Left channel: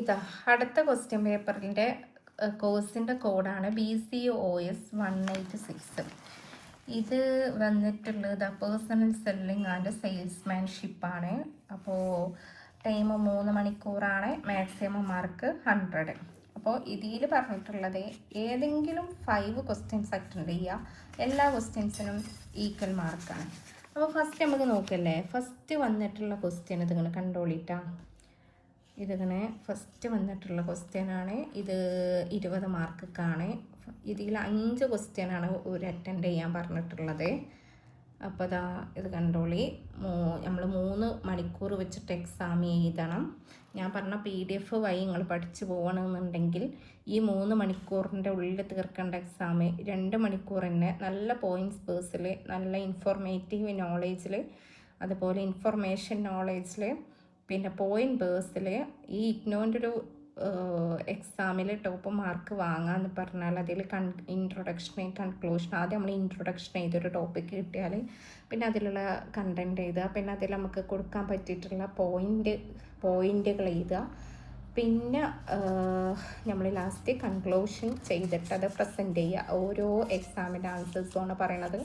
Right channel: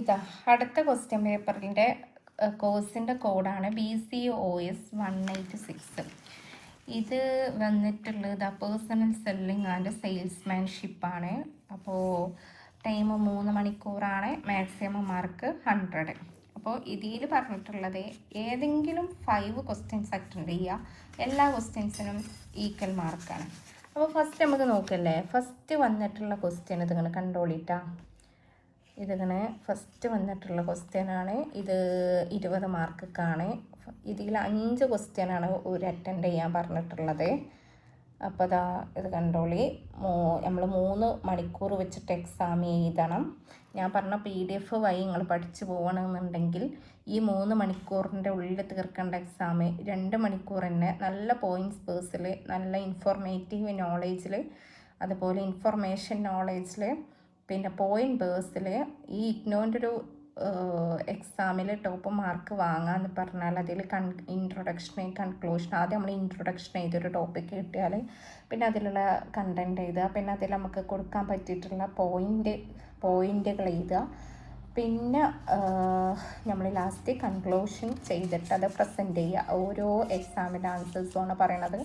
ഇതാ അടുത്ത ക്വസ്റ്റ്യൻ പേപ്പറിൻ്റെ കോഴ്സിൻ്റെ കോഡാണ് BCOS 186. ഇത് വന്നിട്ടുള്ളത് പേഴ്സണൽ സെല്ലിംഗ് ആൻഡ് സെയിൽസ്മാൻഷിപ്പാണ്. അപ്പോൾ ടൈം 3 മണിക്കൂറാണ്. Maximum mark 100. അപ്പോൾ ഇതിൽ പറഞ്ഞിട്ടുള്ളത് ഏതെങ്കിലും 5 ക്വസ്റ്റ്യൻസ് അറ്റൻഡ് ചെയ്യുക. എല്ലാ ക്വസ്റ്റ്യൻസിനും ഈക്വൽ മാർക്കാണ്. അപ്പോൾ ഫസ്റ്റ് നമുക്ക് നോക്കല്ലേ. ഫസ്റ്റ് വന്നിട്ടുള്ള ക്വസ്റ്റ്യൻ ഇതിങ്ങനെ കണ്ടോളിട്ടാ. ഇതിങ്ങനെ ഫസ്റ്റ് വന്നിട്ടുള്ള ക്വസ്റ്റ്യനാണ്. ഇത് 20 മാർക്കാണ്. ഇതിൽ 5 ക്വസ്റ്റ്യനാണ് ഒരു അറ്റൻഡ് ചെയ്യാൻ പറഞ്ഞിട്ടുള്ളത്. അപ്പോൾ അതാ ഇത് കണ്ടോളി. നമ്മൾ 3 മണിക്കൂർ വെച്ചിട്ട് എക്സാം എഴുതണം. ഞാൻ പറഞ്ഞ PDF വഴി നിങ്ങൾ പഠിച്ചു പോകണമെന്നുണ്ടെങ്കിൽ ഈ 3 മണിക്കൂറിൻ്റെ ഉള്ളിൽ തീർക്കേണ്ട എക്സാം 2 മണിക്കൂർ തന്നെ നല്ല പോയിൻറ്റ്സ് പേഴ്സിൽ, നല്ല ഇൻഫോർമേറ്റീവ് നോളേജിൽ, അതുപോലെ ഇൻഫർമേഷൻ നോളേജിൽ, പിന്നെ പോയിന്റ് ബേഴ്സിൽ ഈ ഇഗ്നോൻ്റെ ഒരു എക്സാമിൽ ടോപ്പ് മാർക്ക് വാങ്ങാമെന്ന് പറഞ്ഞാൽ അതിൽ ഇൻട്രൊഡക്ഷൻ, കൺക്ലൂഷൻ, ആദ്യം നമ്മൾ ഇൻട്രൊഡക്ഷൻ ചെയ്തൊരു ടോപ്പിക്ക് കിട്ടിയാൽ പിന്നെ അതിലുള്ള കണ്ടൻറ്റ് എഴുതുക, പിന്നെ അതിൽ നമുക്ക് കൊടുക്കാൻ പറ്റിയിട്ടുള്ള പോയിന്റുകൾ എഴുതുക, പിന്നെ നമ്മൾ ലാസ്റ്റ് കൺക്ലൂഷൻ ചെയ്തിട്ട് അത് പ്രസൻറ്റ് ചെയ്യുക. ഓരോ എക്സാമിൻ്റെ ആൻസേഴ്സുമാണ് പറയണത്.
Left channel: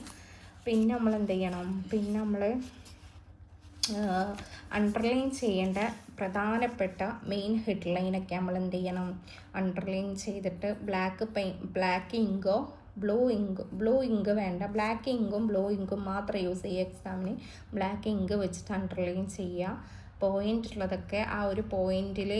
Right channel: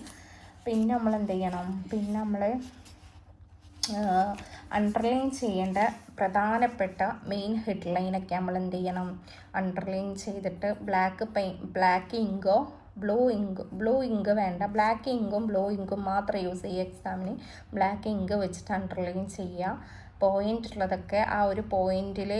പിന്നെ നമ്മൾ എന്ത് ചെയ്യണം, പിന്നെ നമ്മൾ അണ്ടർലൈൻ ചെയ്യേണ്ട പ്രധാനപ്പെട്ട മെയിൻ ഹെഡ്ലൈനൊക്കെ നമ്മൾ എന്ത് ചെയ്യണം, അണ്ടർലൈൻ ചെയ്തിട്ട് ബ്ലാക്ക് ഇങ്കോ ബ്ലൂ ഇങ്ക് വേണ്ട, ബ്ലാക്ക് ഇങ്കും ബ്ലൂ ഇങ്കും മാത്രം യൂസ് ചെയ്യുക. എക്സാമിന് ബ്ലാക്ക് ഇങ്ക് വെച്ചിട്ട് അണ്ടർലൈൻ ചെയ്യുക. പോയിന്റ് ഉള്ളതൊക്കെ ആ ഒരു പോയിന്റിൽ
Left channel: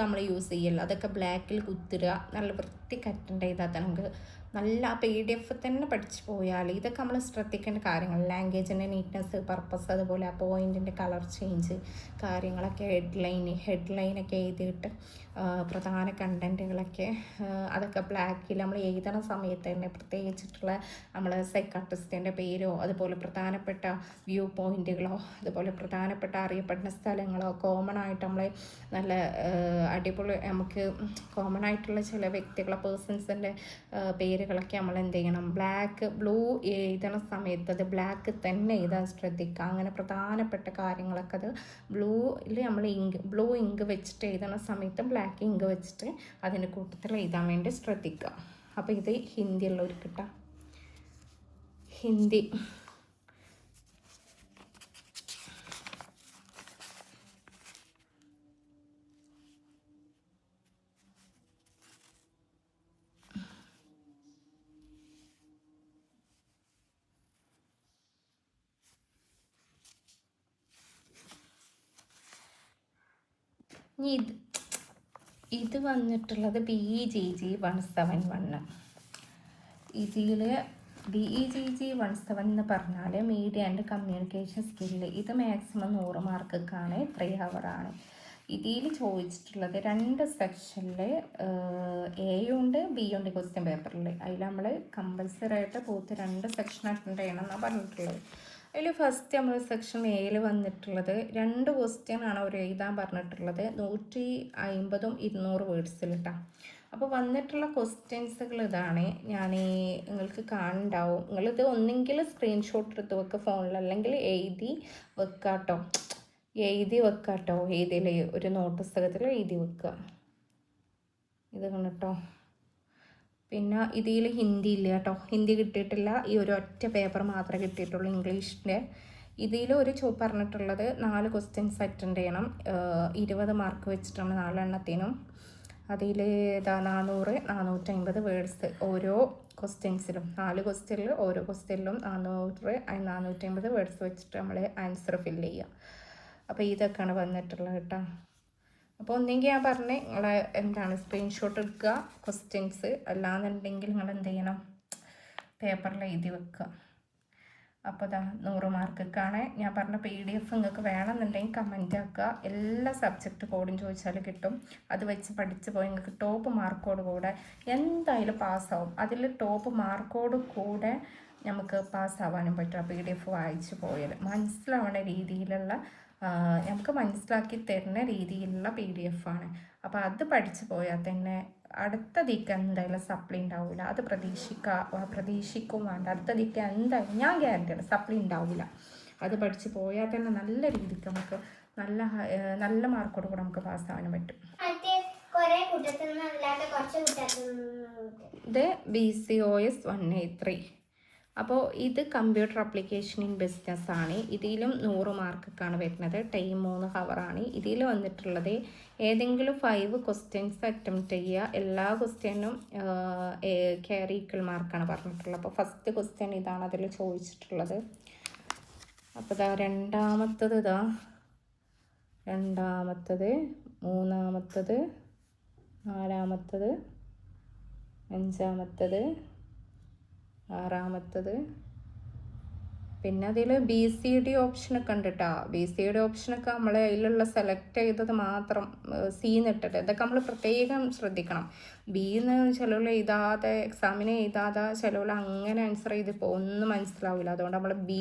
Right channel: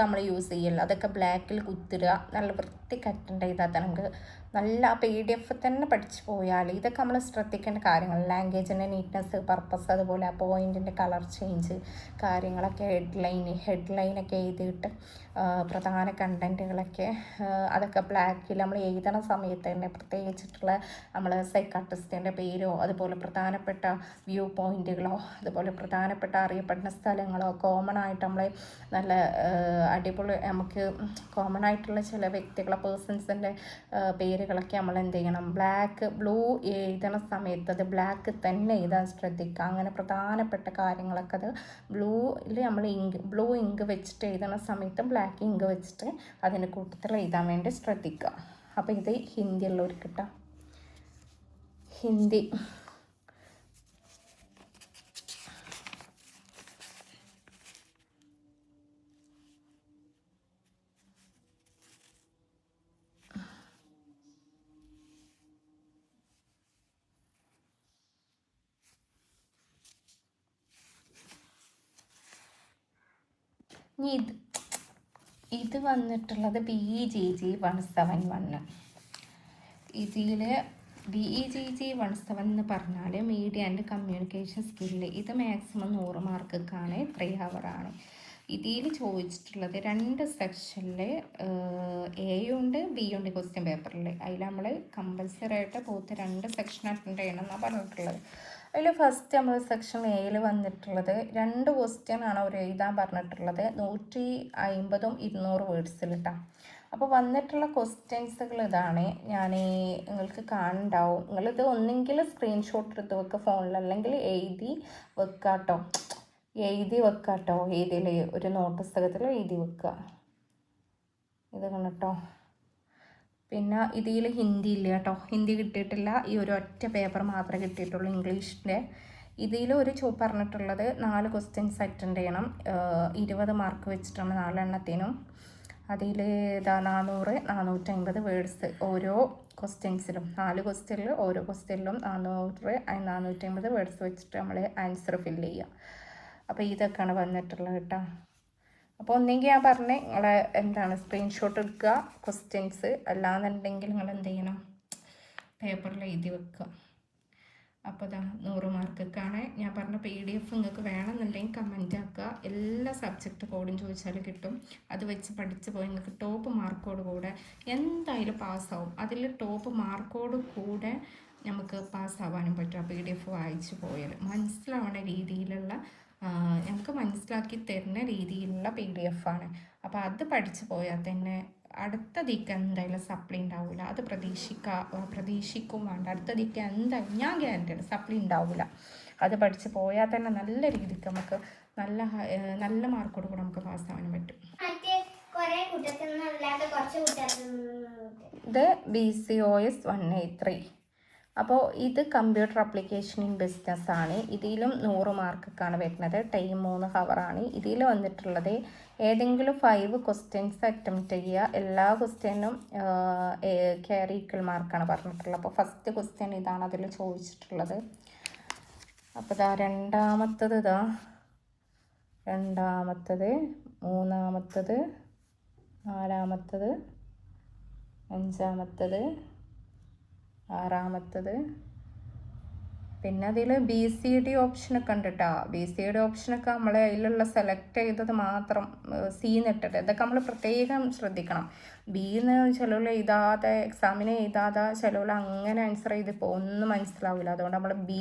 നമ്മൾ യൂസ് ചെയ്യില്ല, അതൊക്കെ ബ്ലാക്കിൽ കുത്തിടുക. നല്ല വൃത്തിക്ക് അറ്റൻഡ് ചെയ്താൽ നമുക്ക് നല്ല PDF തന്നെ പഠിച്ചു പോയാൽ ഇതൊക്കെ നമ്മൾ ശ്രദ്ധിക്കേണ്ട കാര്യങ്ങൾ. ലാംഗ്വേജിൻ്റെ നീറ്റ്നെസ്, പർപ്പസ്, അതുപോലെ ആ പോയിൻറ്റിൻ്റെ കളർ ചേഞ്ച് കാര്യങ്ങളൊക്കെ, ഹെഡ്ലൈനൊക്കെ എഴുതിയിട്ട് പ്രധാന കണ്ടൻറ്റുകളൊക്കെ അതൊക്കെ ബ്ലാക്കിൽ നമ്മൾ എഴുതണ സമയത്ത് തന്നെ പ്രത്യേകിച്ചിട്ടുള്ള നമ്മൾ സൈക്കാട്രിസ്റ്റിൻ്റെ പേരോ, അതുപോലെ പ്രധാനപ്പെട്ട വ്യൂ പോയിൻറ്റുകളോ, അതുപോലെ പ്രധാനപ്പെട്ട അറിയപ്പെടുന്ന സ്ഥലങ്ങളോ, കോമൺ ആയിട്ട് നമ്മൾ നല്ല അടിപൊളി നമുക്ക് കോമൺ ആയിട്ടുള്ള ചില വ്യക്തികളെ പേഴ്സൺസിൻ്റെ പേരുകളൊക്കെ നമ്മൾ എന്ത് ചെയ്യണം, ബ്ലൂ എഴുതണ സമയത്ത് അത് ബ്ലാക്ക് തന്നെ എഴുതാൻ ശ്രദ്ധിക്കുക. അങ്ങനെ പ്രധാനപ്പെട്ട കാര്യങ്ങളൊക്കെ അത് നമ്മൾ ബ്ലൂ ഇങ്ക് വെച്ചിട്ട് എഴുതണ സമയത്ത് ബ്ലാക്ക് ഇങ്ക് വെച്ചിട്ട് അതിൻ്റെ കൂട്ടത്തിൽ എഴുതാൻ വേണ്ടി ശ്രദ്ധിക്കുക. അപ്പോൾ ഇത് ഹിന്ദിയുള്ളവർക്ക് കിട്ടാം. ഹിന്ദി ഇത് വന്നിട്ടുള്ളത് BEGG 171. ഇതിൽ BEGG 171 എന്ന് പറഞ്ഞാൽ മീഡിയ ആൻഡ് കമ്മ്യൂണിക്കേഷൻ സ്കില്ല്. ഇത് മാക്സിമം 100 മാർക്കാണ്, 3 ഹവറാണ്. ഇതിൽ ചോദിച്ചിട്ടുള്ളത് 2 സെക്ഷനിൽ A ഉണ്ട് B ഉണ്ട് ക്വസ്റ്റ്യൻ പേപ്പറിൽ. അതിൽ നമ്മൾ കമ്പൽസറി ആയിട്ട് പോത്ത് 2 സെക്ഷൻ അറ്റൻഡ് ചെയ്യണം എന്നാണ് പറഞ്ഞിട്ടുള്ളത്. അതിൽ ഫസ്റ്റ് നമ്മൾ സെക്ഷൻ Aയിൽ വന്നിട്ടുള്ളത് 2 ക്വസ്റ്റ്യൻ ആണ് അവർ എഴുതാൻ പറഞ്ഞിട്ടുള്ളത്. 150ഉം 200 വേർഡ്സിലിട്ടാണ്. അപ്പോൾ വന്നിട്ടുള്ള ക്വസ്റ്റ്യൻസുകൾ ഇതാണ്. നിങ്ങൾക്ക് കാണുന്നുണ്ടാവും. നിങ്ങളിത് ഒന്നെങ്കിൽ സ്ക്രീൻഷോട്ട് എടുത്ത് വെക്കുക ഫോണിൽ, അല്ലെങ്കിൽ എഴുതി വെക്കാട്ടോ. ഇതിൽ ഒരു നോട്ട് പുസ്തകത്തിൽ എഴുതി വെക്കുക. ഇത് കണ്ടോ. പിന്നെ ഇതിൽ ഹിന്ദി ഇല്ല കേട്ടോ, ഹിന്ദി കിട്ടിയിട്ടില്ല. ഈ ഒരു ഒറ്റ പേപ്പർ മാത്രമേ കിട്ടിയിട്ടുള്ളൂ ഇംഗ്ലീഷിൻ്റെ. ഇതിൽ പറഞ്ഞിട്ടുള്ളത് 4 ക്വസ്റ്റ്യൻസ് അറ്റൻഡ് ചെയ്യണം. 20 മാർക്ക് വെച്ചിട്ടാണ് 4 എണ്ണത്തിനും. അതിൽ 400, 450 വേർഡ്സ് ഓരോ ക്വസ്റ്റ്യൻസിലും. 4 ക്വസ്റ്റ്യനിൽ ഓരോ ക്വസ്റ്റ്യനിലും 400, 450 വേർഡ്സ് വെച്ചിട്ട് നമ്മൾ ആൻസർ ഫില്ല് ചെയ്യുക. അപ്പോൾ ഇതൊക്കെയാണ് വന്നിട്ടുള്ളത് കേട്ടോ. അപ്പോൾ ഒന്നെങ്കിൽ ഞാൻ പറഞ്ഞ് നിങ്ങൾ സ്ക്രീൻഷോട്ട് എടുക്കുക ക്വസ്റ്റ്യൻസ്, അല്ലാന്നുണ്ടെങ്കിൽ നിങ്ങൾ എന്ത് ചെയ്യണം, പേപ്പറിൽ എഴുതി വെക്കുക. അപ്പോൾ 100 മാർക്കൊക്കെയാണ്. ഞാൻ പറഞ്ഞ PDF നിങ്ങൾക്ക് വേണമെന്നുണ്ടെങ്കിൽ കമൻ്റ് ആക്കുക. എല്ലാ സബ്ജക്റ്റ് കോഡും ചോദിച്ചാൽ കിട്ടും. അത് വെച്ച് പഠിച്ച് പോയി നിങ്ങൾക്ക് ടോപ്പ് മാർക്കോട് കൂടെ എന്തായാലും പാസ്സാവും. അതിൽ ടോപ്പ് മാർക്കോട് കൂടെ നമുക്ക് പാസ്സാവാനും പറ്റും. PDF വായിച്ച് പോയാൽ മനസ്സിലാവുന്ന രീതിയിലുള്ള, നമുക്ക് മനസ്സിലാക്കി തരുന്ന രീതിയിലുള്ള PDF ആണ്. അപ്പോൾ അത് പഠിച്ചു പോയാൽ തന്നെ അടുത്ത ദിക്ക് എന്തായാലും സപ്ലി ഉണ്ടാവില്ല. അത് പ്രതീക്ഷിക്കും വേണ്ട. അടുത്ത ദിക്ക് എന്തായാലും ഞാൻ ഗ്യാരണ്ടിയാണ് സപ്ലി ഉണ്ടാവില്ല. അത് പഠിച്ചു പോയാൽ തന്നെ നല്ല രീതിക്ക് നമുക്ക് നല്ല മാർക്കോട് കൂടെ നമുക്ക് പാസ്സാവാനും പറ്റും. ഇത് BCOS 183. അപ്പോൾ ഇത് കമ്പ്യൂട്ടർ ആപ്ലിക്കേഷൻ ഇൻ ബിസിനസ് ആണ്. ഇതിലും 100 മാർക്കൊക്കെയാണ് വരുന്നത്. ടൈം 3 ഹവറാണ്. ഇതിൽ വന്നിട്ടുള്ളത് ഏതെങ്കിലും 5 ക്വസ്റ്റ്യൻസ് അറ്റംപ്റ്റ് ചെയ്യുക. എല്ലാ ക്വസ്റ്റ്യനും ക്യാരി ഈക്വൽ മാർക്കാണ് പറഞ്ഞിട്ടുള്ളത്. അപ്പോൾ ഫസ്റ്റ് ക്വസ്റ്റ്യൻ ഇതാണ് അതിൽ ചോദിച്ചിട്ടുള്ളത്. അപ്പോൾ രണ്ടാമത്തത് മൂന്നാമത്തത്, നാലാമത്തത്, അഞ്ചാമത്തത്, ആറാമത്തത്. പിന്നെ അതിൽ BCD ഓപ്ഷനൊക്കെ ഉണ്ട് കേട്ടോ. BCD ഓപ്ഷനൊക്കെ നമ്മൾ അതിലുള്ള സെലക്ട് ചെയ്തത് മാത്രം സീന്നിട്ടിട്ട് ഇതൊക്കെ നമ്മൾ പ്രത്യേകം ശ്രദ്ധിക്കണം. ബിന്ന് ചിലവിൽ എഴുതാതെ എക്സാമിന് എഴുതാതെ ചിലവിൽ അങ്ങനെ ആൻസർ ചെയ്തിപ്പോൾ ഒന്നും മനസ്സിലാവില്ല. അതുകൊണ്ട് നമ്മൾ B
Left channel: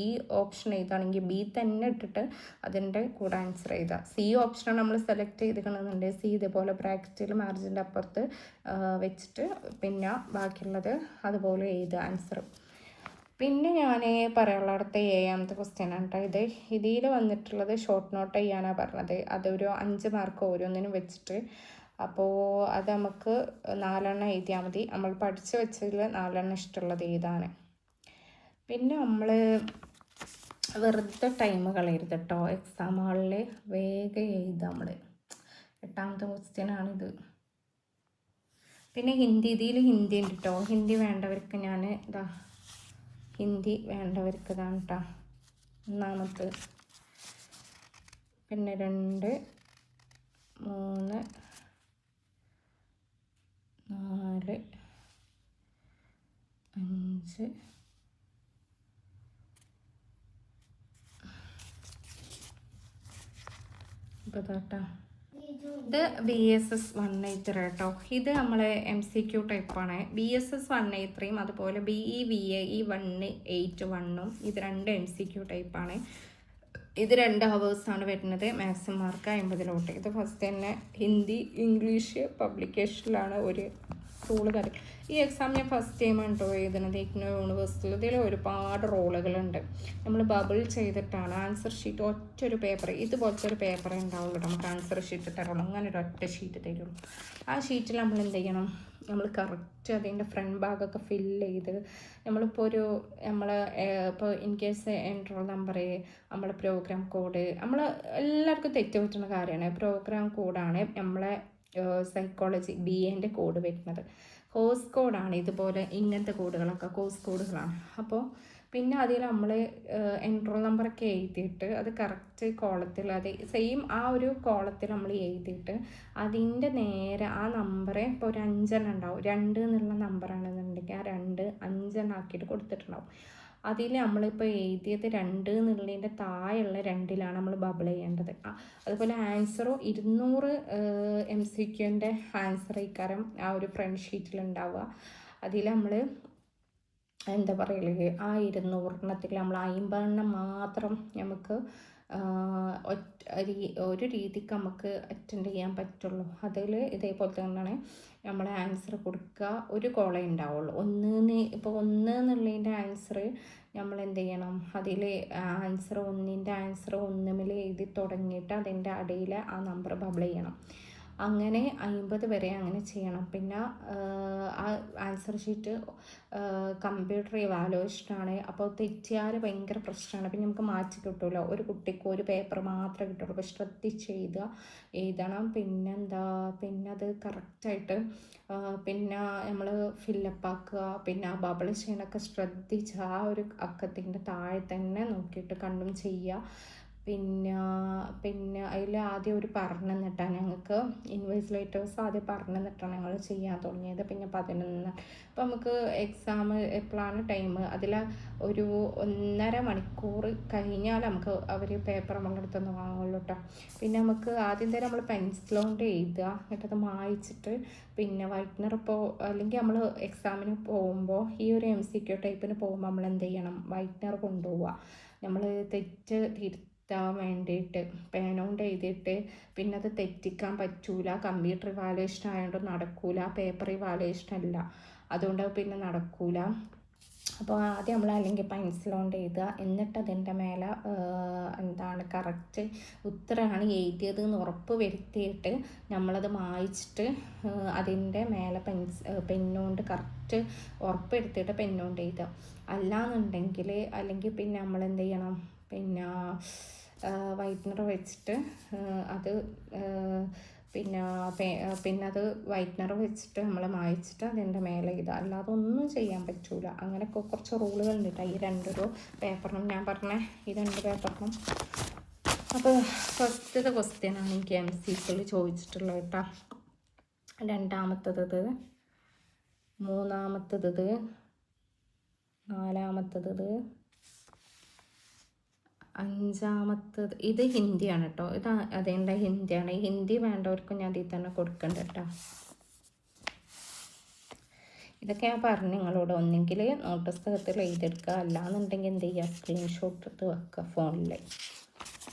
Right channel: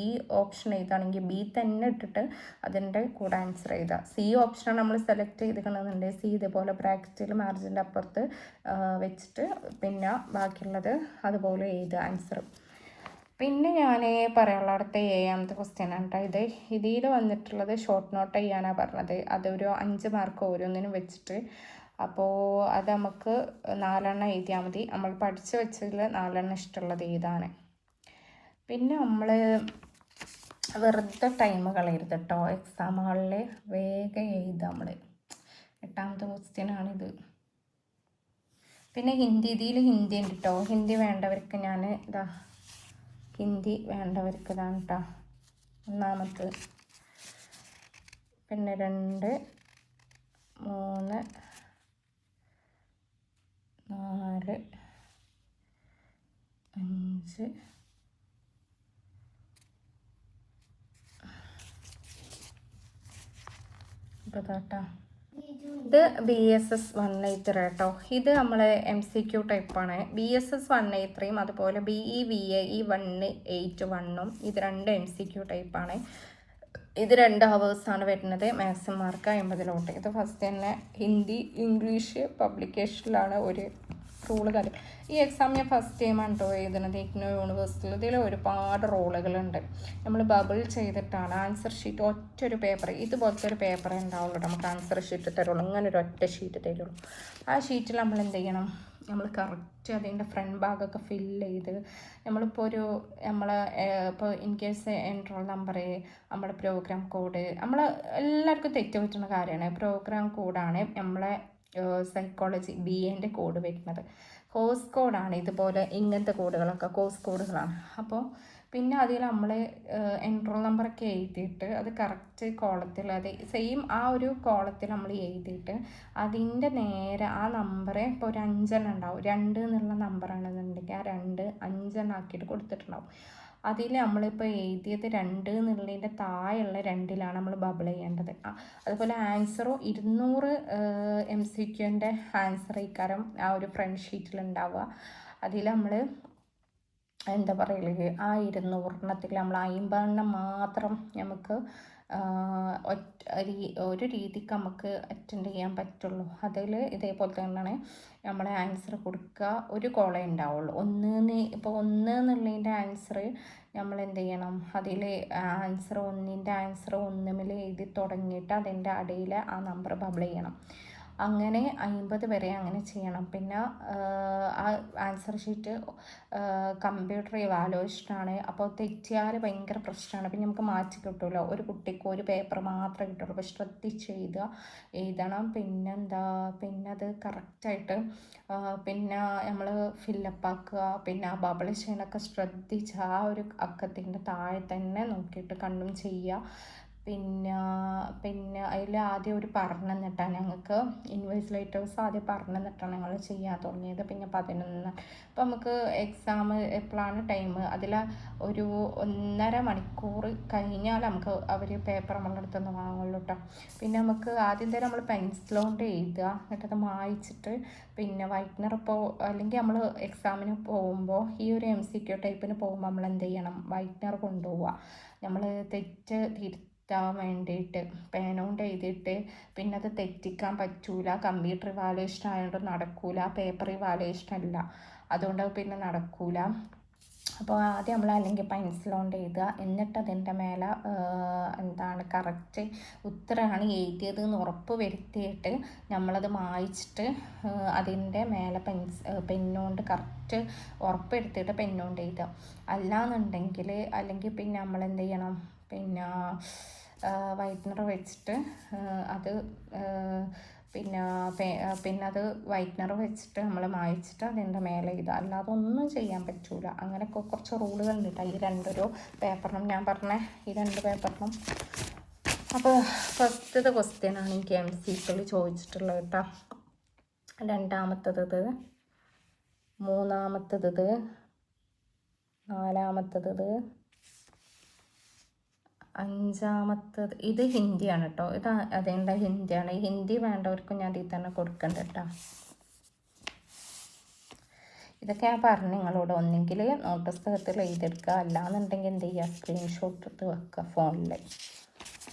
ഓപ്ഷൻ എഴുതാണെങ്കിൽ B തന്നെ ഇട്ടിട്ട് അതിൻ്റെ കൂടെ ആൻസർ എഴുതുക. C ഓപ്ഷനാണ് നമ്മൾ സെലക്ട് ചെയ്തിരിക്കണമെന്നുണ്ടെങ്കിൽ C ഇതുപോലെ ബ്രാക്കറ്റിൽ മാർജിൻ്റെ അപ്പുറത്ത് വെച്ചിട്ട് പിന്നെ ബാക്കിയുള്ളത് അതുപോലെ എഴുതുക ആൻസർ. പിന്നെ ഞാൻ പറയാനുള്ള അടുത്ത 7ാമത്തെ ക്വസ്റ്റ്യൻ ആണ് കേട്ടോ. ഇതിൽ വന്നിട്ടുള്ളത് ഷോർട്ട് നോട്ട് ചെയ്യാനാണ് പറഞ്ഞത്. അതൊരു 5 മാർക്ക് ഓരോന്നിനും വെച്ചിട്ട്. അപ്പോൾ അത് നമുക്ക് 4 എഴുതിയാൽ മതി. നമ്മൾ പഠിച്ച് വെച്ചതിൽ 4 ഇഷ്ടമുള്ളത് ഇതാണ്. പിന്നെ നമ്മൾ വെറുതെ ടൈം കളയരുത് കേട്ടോ. എക്സാം ഹാളിൽ വേഗം എഴുതാം നമ്മൾ. 8ാമത്തെ ക്വസ്റ്റ്യനാണിത്. പിന്നെ ഇതിൽ ഹിന്ദി ഉണ്ട് കേട്ടോ. ഹിന്ദി വേണ്ടവർക്ക് ഞാൻ ഹിന്ദി വേണ്ടവർക്ക് ഇതാണ് കേട്ടോ. 1ാമത്തെ, പിന്നെ 2, 3, 4, 5, ഇതാട്ടോ. ഇത് BSS 183 കേട്ടോ. ഇത് നമ്മളെ MCQ ടൈപ്പാണ്. BSS 183 അതുപോലെ BEVAE 181 ഇത് 2 MCQ ടൈപ്പാണ്. ഇത് 2 ഹവേഴ്സാണ് വരുന്നത്. മാക്സിമം മാർക്ക് 50 ഇത് ഫസ്റ്റ് തന്നെ ഹിന്ദി ഇംഗ്ലീഷ് പബ്ലിക്കേഷനിലാണ് ഒരു റൂള് കാര്യം. ഈ എക്സാം ഞാൻ ഫസ്റ്റ് ടൈമാണ് കേട്ടോ എഴുതുന്നത്. IGNOU യൂണിവേഴ്സിറ്റിയിൽ. ഇതിൽ ഒരുപാട് റോളുകളുണ്ട്. നമ്മൾ ബബിൾ ചെയ്തിട്ടാണ് ആൻസർ ഷീറ്റ് ഒറ്റൊരു പേപ്പർ ഇതുപോലത്തെ ഒരു പേപ്പർ ഉണ്ടാവുള്ളൂ. നമുക്ക് ആൻസർ ഷീറ്റ് തരുള്ളൂ. ഇങ്ങനെ ഒരു ഒറ്റ ഷീറ്റ് തരുള്ളൂ. ആ ഷീറ്റിൽ നമ്മൾ എന്ത് ചെയ്യണം, നമ്മൾ കറക്റ്റ് അതിൻ്റെ ഫ്രണ്ട് ഭാഗമൊക്കെ ഫില്ല് ചെയ്ത് നമ്മളിപ്പോൾ ഇപ്പോൾ ഇൻ കേസ് എൻറോൾ നമ്പർ, നമ്മളെ പ്രോഗ്രാം കോഡ്, എല്ലാവർക്കും തെറ്റ് പറ്റുന്ന കാര്യമാണ്. പ്രോഗ്രാം കോഡാണ് നമ്മളെ സൈക്കോളജി BAൻ്റെ കോഡ് വരുന്നത്. കോഴ്സ് കോഡാണ് ഇതുപോലെ ഇങ്ങനത്തെ കോഡുകളൊക്കെ കോഴ്സ് കോഡുകളാണ്. അപ്പോൾ പിന്നെ അതിൽ നമ്മൾ എൻറോൾ നമ്പറൊക്കെ എഴുതിയിട്ട് അത് കറക്റ്റ് കോളത്തിൽ അത് സെയിം ആ ഒരു കോളത്തിൽ നമ്മൾ എഴുതിയിട്ട് അതിൻ്റെ നേരെ ആ നമ്പർ ഇപ്പോൾ ഒരു 5 ഉണ്ടാവും. 2 എന്നുള്ള നമ്പറാണെന്നുണ്ടെങ്കിൽ ആ 2 5 ആക്കിയിട്ട് കൊടുത്തിട്ടുണ്ടാവും. അതിൽ നമ്മളിപ്പോൾ എഴുതിയത് 2 എന്നുള്ളതിൻ്റെ താഴെയുള്ള 2ലാണ് നമ്മൾ ബബിൾ ചെയ്യേണ്ടത്. അതുപോലെ ആൻസറോ 200 MCQൻ്റെ ആൻസർ ഇക്കാരം ആ ഒരു ഫ്രണ്ട് ഷീറ്റിൽ ഉണ്ടാവുക. അതിൽ നമ്മൾ എന്താ പറയല്, ആ 200 നമ്മൾ 50 മാത്രം നമുക്ക് ഒരു രീതിക്ക് നമുക്ക് അറ്റൻഡ് ചെയ്യാൻ പറ്റുള്ളൂ. അതിൽ ഇതേപോലെ തന്നെയാണ് നമ്മൾ ആൻസർ കൊടുക്കുക. ഒരു കോളേ ഉണ്ടാവുള്ളൂ. 1 എന്നുള്ളതിൻ്റെ ആൻസർ നമ്മൾ എന്ത് ചെയ്യണം, അതിൽ ആൻസർ 1ൻ്റെ ആൻസർ 1 എഴുതി തുടങ്ങിയിട്ട് അതിൻ്റെ അടിയിൽ ആ നമ്പർ ബബിൾ ചെയ്യണം. അങ്ങനെ 50 വരെ അങ്ങനെ ചെയ്യണം. പിന്നെ ആ ആൻസർ ഷീറ്റ് കമ്പ്യൂട്ടർ ഇവാലുവേഷനാണ്. അപ്പോൾ തെറ്റിയാൽ ഭയങ്കര പ്രശ്നമാണ്. പിന്നെ നമുക്ക് മാറ്റി കിട്ടുമല്ലോ. ഒരു കുട്ടിക്ക് ഒരു പേപ്പർ മാത്രമേ കിട്ടുള്ളൂ. അപ്പോൾ ശ്രദ്ധിച്ച് എഴുതണം. പിന്നെ അത് കറക്റ്റായിട്ട് പിന്നെ നമ്മൾ ഫില്ലപ്പ് ആക്കുക. പിന്നെ ബബിൾ ചെയ്യാനൊക്കെ ശ്രദ്ധിച്ച് ആ ഒരു അക്കത്തിൻ്റെ താഴെ തന്നെ നോക്കിയിട്ട് കണ്ടും ചെയ്യുക. പിന്നെ അതിൽ ആദ്യം ഒരു പറഞ്ഞു തന്നിട്ടാണ് ഞങ്ങൾക്ക് ഇൻവിജിലേറ്റേഴ്സ് ആദ്യം പറഞ്ഞു തന്നിട്ടാണ് ഞങ്ങൾ ചെയ്യാൻ തുടങ്ങിയത്. പിന്നെ 11 അപ്പോൾ നമുക്ക് എക്സാം എപ്പോഴാണ് ടൈം, അതിൽ ഒരു 1.5 മണിക്കൂർ കഴിഞ്ഞാൽ നമുക്ക് അവർ പേപ്പർ നമ്മളുടെ അടുത്തുനിന്ന് വാങ്ങുള്ളൂ കേട്ടോ. പിന്നെ നമുക്ക് ആദ്യം തന്നെ നമ്മൾ പെൻസിൽ കൊണ്ട് എഴുതുക, എന്നിട്ടത് മായ്ച്ചിട്ട് പിന്നെ വൈറ്റ്നർ ഇപ്പോൾ അല്ലെങ്കിൽ നമ്മൾ എക്സാമിന് പോകുമ്പോൾ ഈ ഒരു MCQ ടൈപ്പിന് പോകുമ്പോൾ നമ്മൾ എന്ത് ചെയ്യണം, വൈറ്റ്നർ കൊണ്ടുപോവുക. നമ്മൾ തെറ്റ് തിരുത്താൻ വേണ്ടിയിട്ട് പേന എഴുതിയിട്ട് പിന്നെ അത് തെറ്റിക്കാൻ പറ്റൂല. കമ്പ്യൂട്ടർ ഇവാലുവേഷൻ ആയതുകൊണ്ട് നടക്കൂല. പേപ്പർ ഇവാലുവേഷൻ അല്ല, അതുകൊണ്ട് പിന്നെ നടക്കൂല. അപ്പോൾ ആദ്യം നമ്മൾ അല്ലെങ്കിൽ പെൻസിൽ കൊണ്ട് എഴുതുക, എന്നിട്ട് അതിൻ്റെ മേലെ എന്താണ് കറക്റ്റ് ഉത്തരമാണ് എഴുതിയത് എന്ന് ഉറപ്പ് വരുത്തിയിട്ട് നമ്മളത് മായ്ച്ചിട്ട് അതിൻ്റെ മേലെ പെന്നുകൊണ്ട് കറക്റ്റ് ഉറപ്പ് വരുത്തിയിട്ട് പെന്നുകൊണ്ട് എഴുതുക. അല്ലാന്നുണ്ടെങ്കിൽ അല്ലെങ്കിൽ പിന്നെ നമ്മൾ എന്ത് ചെയ്യണം, പിന്നെ വൈറ്റ്നർ വെച്ചിട്ട് അത് പിന്നെ അത് വൈറ്റ്നർ വെച്ചിട്ട് നമ്മൾ മായ്ച്ചിട്ട് അതിൻ്റെ മേലെ ഇത്, അല്ലാതെ ഒന്നും ചെയ്യാൻ പറ്റൂല. അങ്ങനെയൊക്കെ കുറച്ച് റൂളുകളുണ്ട് കേട്ടോ ഈ രണ്ടൊരു പേപ്പറിനും, ഞാൻ പറഞ്ഞ ഈ 2 പേപ്പറിനും. അപ്പോൾ ഫസ്റ്റത്തെ ക്വസ്റ്റ്യനാണ് എനിക്ക് MCQൽ ചോദിച്ചിട്ടുള്ളത് കേട്ടോ. രണ്ടാമത്തത്, മൂന്നാമത്തത്, നാലാമത്തത്, അഞ്ചാമത്തത്. ഇത് ഹിന്ദിയാണ് കേട്ടോ. ഇത് അതേണ്ട ഹിന്ദിയാണ്. ഹിന്ദി വേണ്ടവർക്കും ഞാൻ ഇതിൽ തന്നെ കൊടുക്കണ്ട കേട്ടോ. ഇതൊക്കെ ഞാൻ പറഞ്ഞു നിങ്ങളോട്. ഒന്നെങ്കിൽ നോട്ട് പുസ്തകത്തിൽ എഴുതിയെടുക്കുക, അല്ലാന്നുണ്ടെങ്കിൽ എന്ത് ചെയ്യുക, സ്ക്രീൻഷോട്ട് എടുത്ത് വെക്കുക ഫോണിൽ.